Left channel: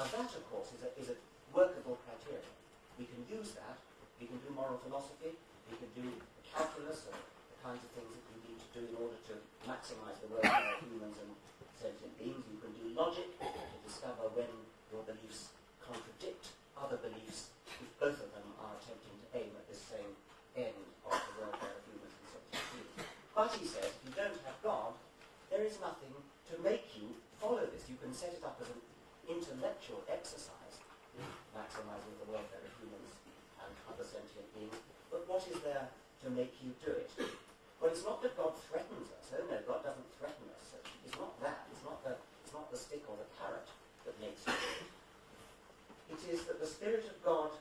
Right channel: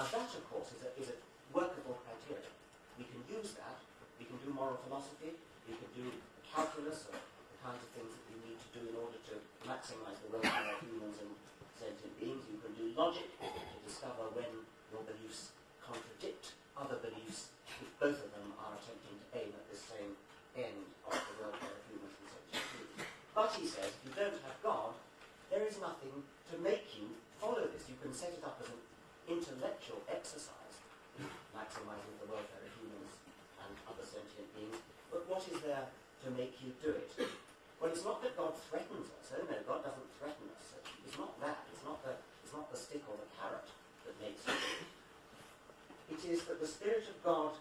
Now that, of course, is a workable criteria. We can use that. We can do moral philosophy. We can do calculus of the kinds of things that we need to do in order to maximize the welfare of humans and sentient beings. You can do logic to discover when your beliefs contradict other beliefs if both of them are attempting to aim at the same end of the welfare of humans and sentient beings. But he says, if you don't have God, there is nothing to make you follow this. You can set it up as an intellectual exercise in maximizing the welfare of humans and other sentient beings, but what is there to make you do it? Well, it's not that God threatens us. Oh no, God doesn't threaten us. It's not that. It's not the stick or the carrot that makes you do it. It is that the Spirit of God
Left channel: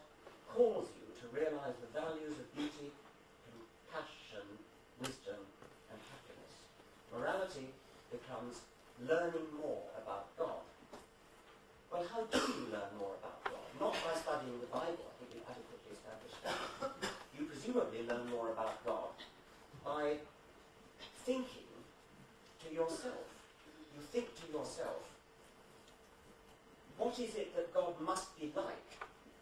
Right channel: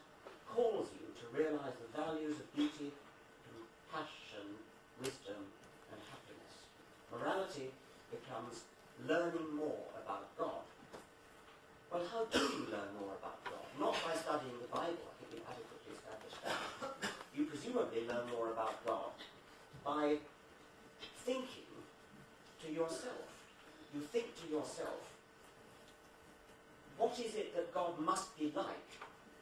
calls you to realize the values of beauty, compassion, wisdom, and happiness. Morality becomes learning more about God. Well, how do you learn more about God? Not by studying the Bible. I think we've adequately established that. You presumably learn more about God by thinking to yourself. You think to yourself, what is it that God must be like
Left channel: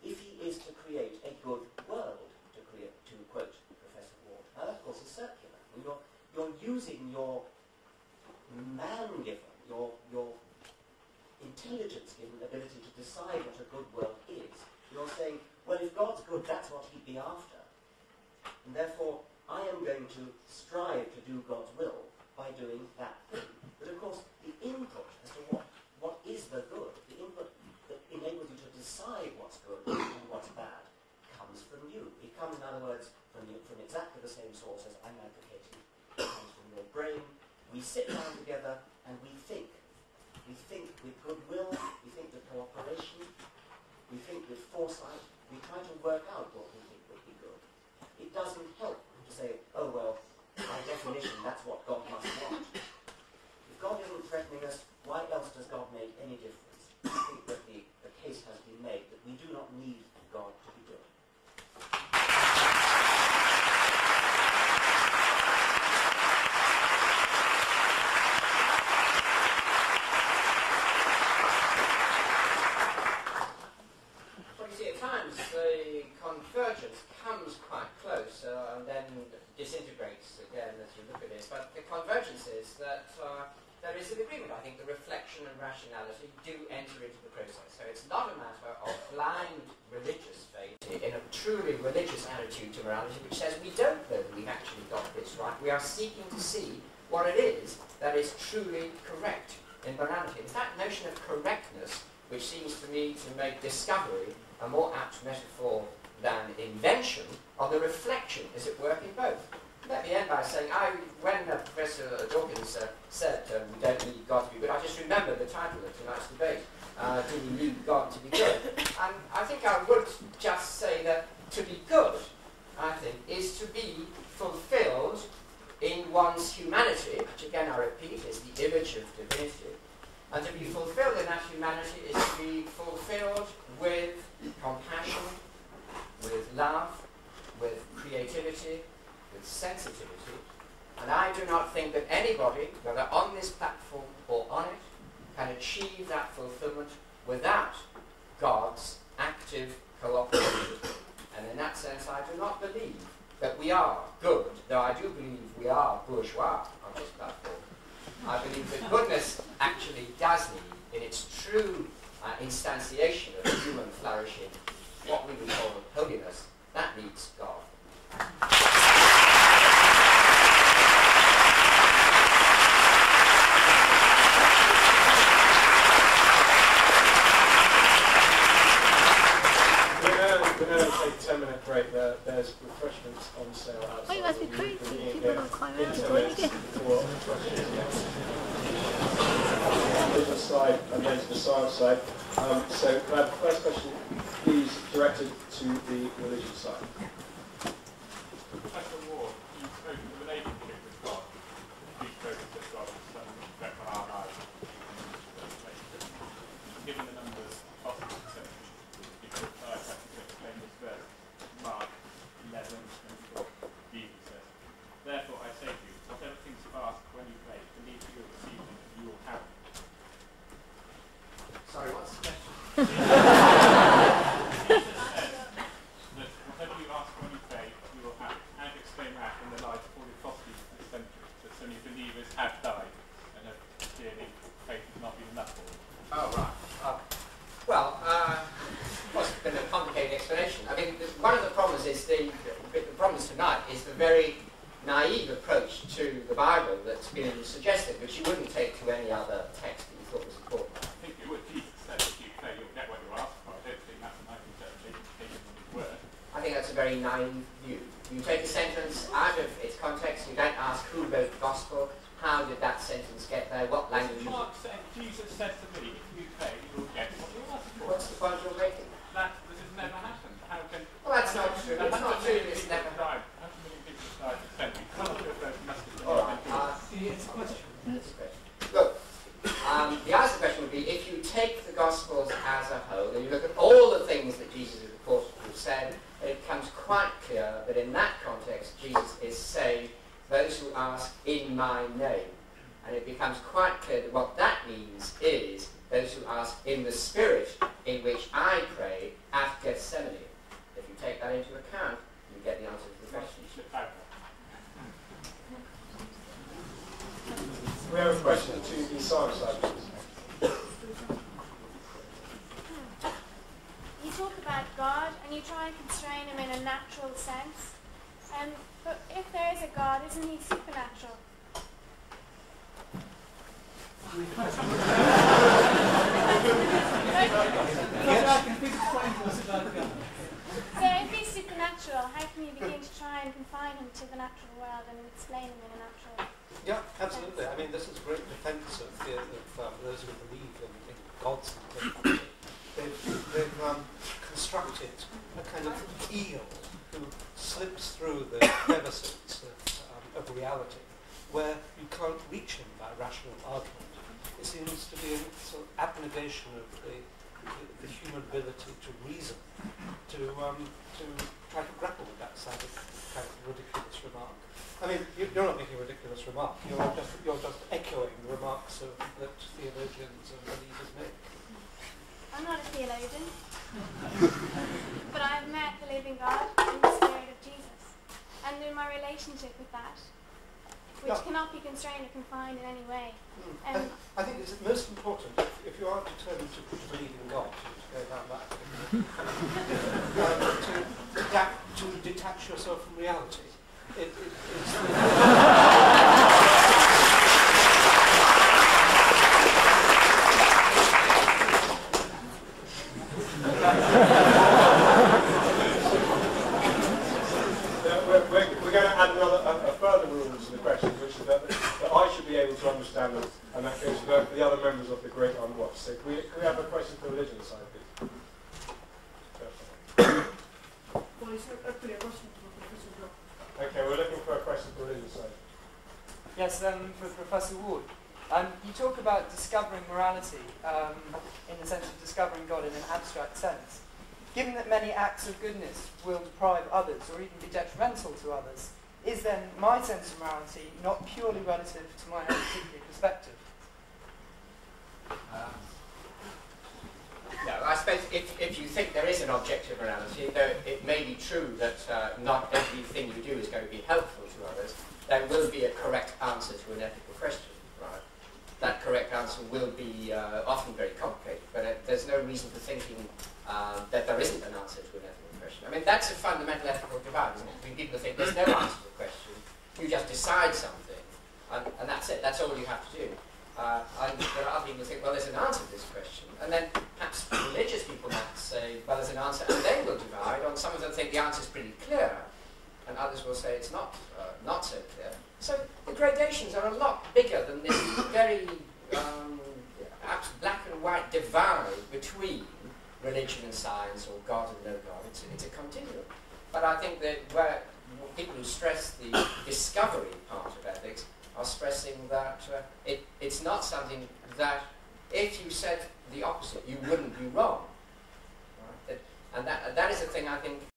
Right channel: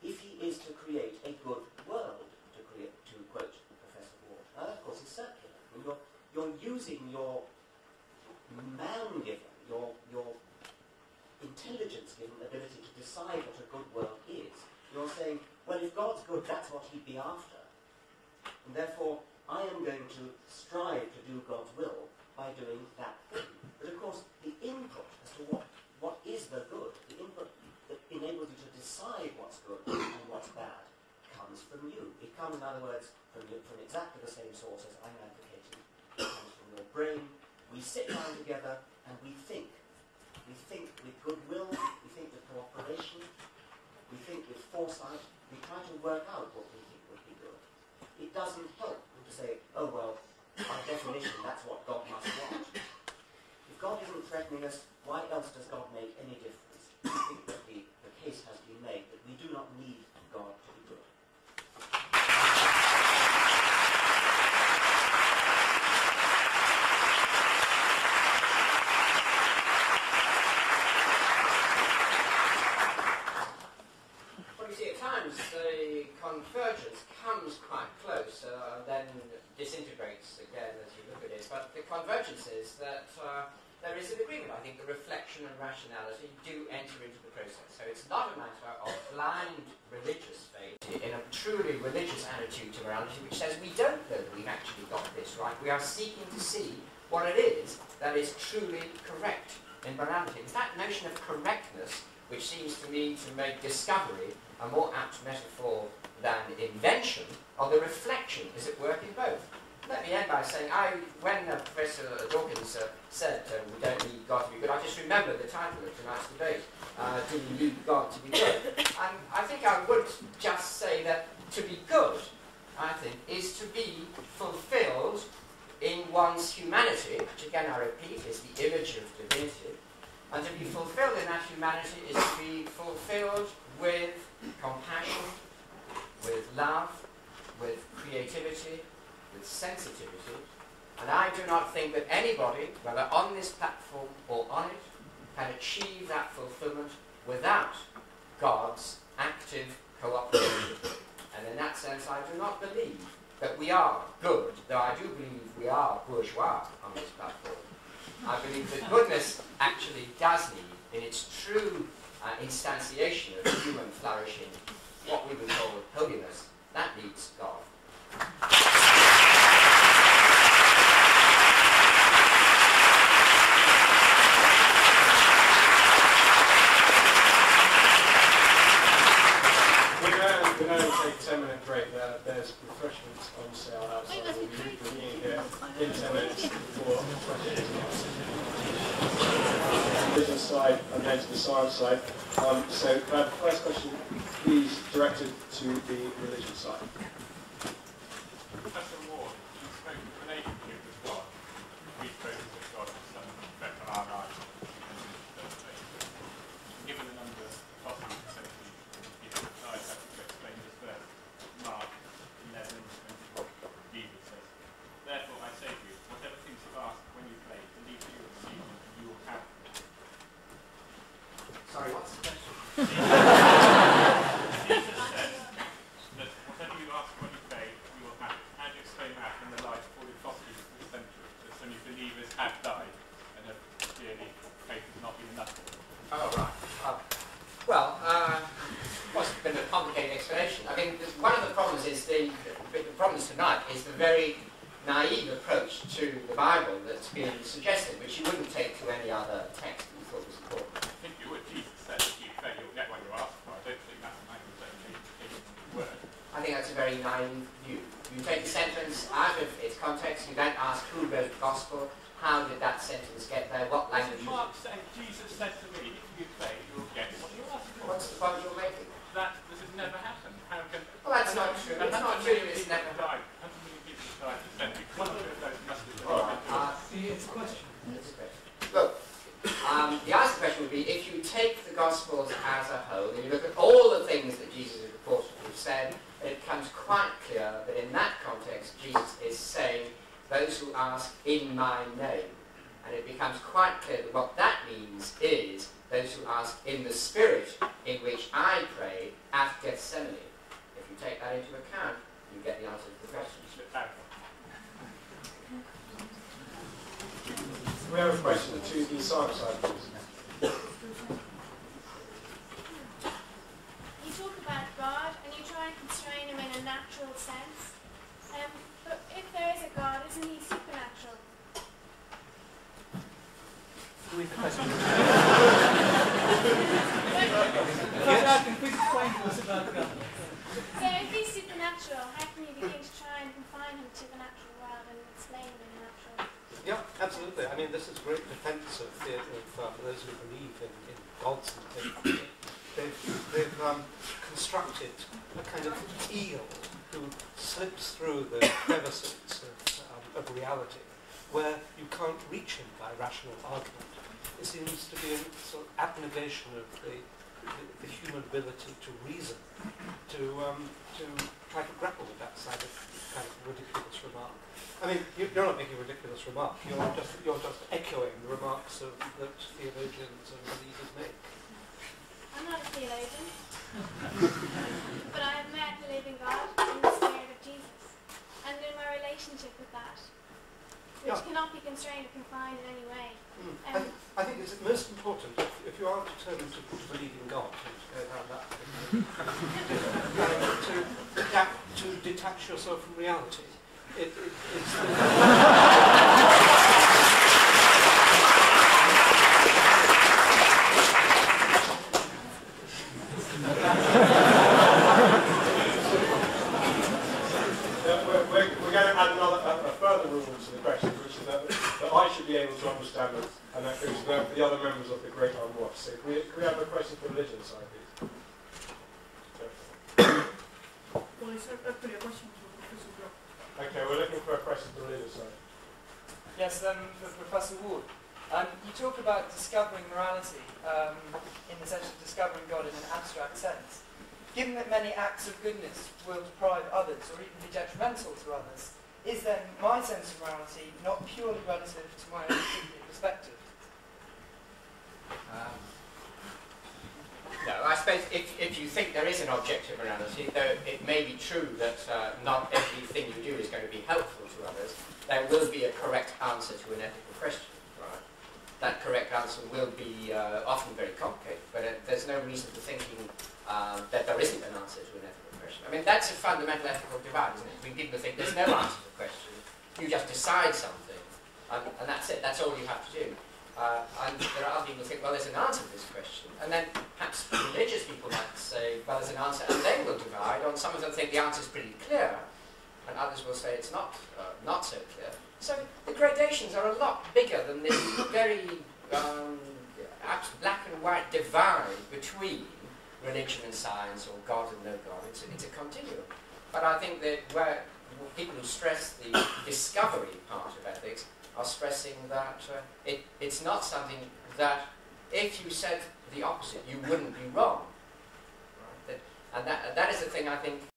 if he is to create a good world, to quote Professor Ward? Now, that, of course, is circular. You're using your man-given, your intelligence-given ability to decide what a good world is. You're saying, well, if God's good, that's what he'd be after. And therefore, I am going to strive to do God's will by doing that thing. But of course, the input as to what is the good, the input that enables you to decide what's good and what's bad, comes from you. It comes, in other words, from exactly the same source as I'm advocating. It comes from your brain. We sit down together and we think. We think with goodwill, we think with cooperation, we think with foresight, we try to work out what we think would be good. It doesn't help to say, oh well, by definition that's what God must want. If God isn't threatening us, why else does God make any difference? I think that the case has been made that we do not need God to be good. Convergence comes quite close and then disintegrates again as you look at it. But the convergence is that there is an agreement. I think the reflection and rationality do enter into the process. So it's not a matter of blind religious faith in a truly religious attitude to morality, which says we don't know that we've actually got this right. We are seeking to see what it is that is truly correct in morality. It's that notion of correctness which seems to me to make discovery a more apt metaphor than invention of the reflection is at work in both. Let me end by saying, when Professor Dawkins said we don't need God to be good, I just remember the title of tonight's debate, Do We Need God to Be Good? And I think I would just say that to be good, I think, is to be fulfilled in one's humanity, which again I repeat is the image of divinity. And to be fulfilled in that humanity is to be fulfilled with compassion, with love, with creativity, with sensitivity. And I do not think that anybody, whether on this platform or on it, can achieve that fulfillment without God's active cooperation. And in that sense, I do not believe that we are good, though I do believe we are bourgeois on this platform. I believe that goodness actually does need, in its true instantiation of human flourishing, what we would call holiness. That needs God. We're going to take a 10-minute break. There's refreshments on sale outside. We'll be here in 10 minutes before questions. Business side and then to the science side. So the first question is directed to the religious side. Professor Ward, you spoke of the relationship with God. You spoke that God is something that for our lives. Given the number of possible exceptions, I'd have to explain this verse, Mark 11:24, Jesus says, therefore I say to you, whatever things you ask when you pray, believe you will receive them, and you will have them. Sorry, what's the question? That whatever you ask when you pray, you will have it. How do you explain that in the light of all the atrocities of this century? That so many believers have died and have clearly faith has not been enough for them. Oh, right. It's a bit of a complicated explanation. I mean, one of the problems is the problems tonight is the very naive approach to the Bible that's being suggested, which you wouldn't take to any other text that you thought was important. I think you would Jesus said if you pray, you'll get what you ask for. I don't think that's my interpretation of the word. I think that's a very naive view. You take a sentence out of its context, you don't ask who wrote the gospel, how did that sentence get there, what language is Mark it? saying, Jesus said to me, if you pray, you'll get what you ask for. What's the point you're making? That this has never happened. Well, that's not true. It's not true. It's never happened. 100 million people died this century. One of those messages. It's a question. It's a question. Look, the answer to the question would be, if you take the Gospels as a whole, and you look at all the things that Jesus is reported to have said, it becomes quite clear that in that context, Jesus is saying, those who ask in my name. And it becomes quite clear that what that means is those who ask in the spirit in which I pray at Gethsemane. If you take that into account, you get the answer to the question. We have a question to the science side, please. You talk about God and you try and constrain him in a natural sense. But if there is a God, isn't he supernatural? With the question. So if he's supernatural, how can you begin to try and confine him to the natural world and explain him in a natural? Yeah, absolutely. I mean, this is a great defence of those who believe in gods and things. They've constructed a kind of eel who slips through the crevices of reality, where you can't reach him by rational argument. It seems to be a sort of abnegation of the human ability to reason, to try to grapple with that side of kind of ridiculous remark. I mean, you're not making a ridiculous remark. You're just echoing the remarks that theologians and believers make. I'm not a theologian, but I've met the living God in the spirit of Jesus, and in my relationship with that, which cannot be constrained or confined in any way. I think it's most important, if you are determined to believe in God, to go down that to detach yourself from reality. It's We're going to add a further rule to the question, which is that I should be able to understand it, and that goes for the other members of the Great Armed Watch. So can we have a question for the religious side, please? Well, it's hopefully a question for Professor Brock. Okay, we're looking for a question for the religious side. Yes, for Professor Ward. You talk about discovering morality in the sense of discovering God in an abstract sense. Given that many acts of goodness will deprive others or even be detrimental to others, is then my sense of morality not purely relative to my own particular perspective? No, I suppose if you think there is an objective morality, though it may be true that not everything you do is going to be helpful to others, there will be a correct answer to an ethical question, right? That correct answer will be often very complicated, but there's no reason for thinking that there isn't an answer to an ethical question. I mean, that's a fundamental ethical divide, isn't it? I mean, people think there's no answer to the question, you just decide something, and that's it, that's all you have to do. And there are other people who think, well, there's an answer to this question, and then perhaps religious people might say, well, there's an answer, and they will divide. On some of them think the answer is pretty clear, and others will say it's not so clear. So the gradations are a lot bigger than this very black and white divide between religion and science, or God and no God. It's a continuum. But I think that where people who stress the discovery part of ethics are stressing that it's not something that, if you said the opposite, you wouldn't be wrong. Right? And that is the thing I think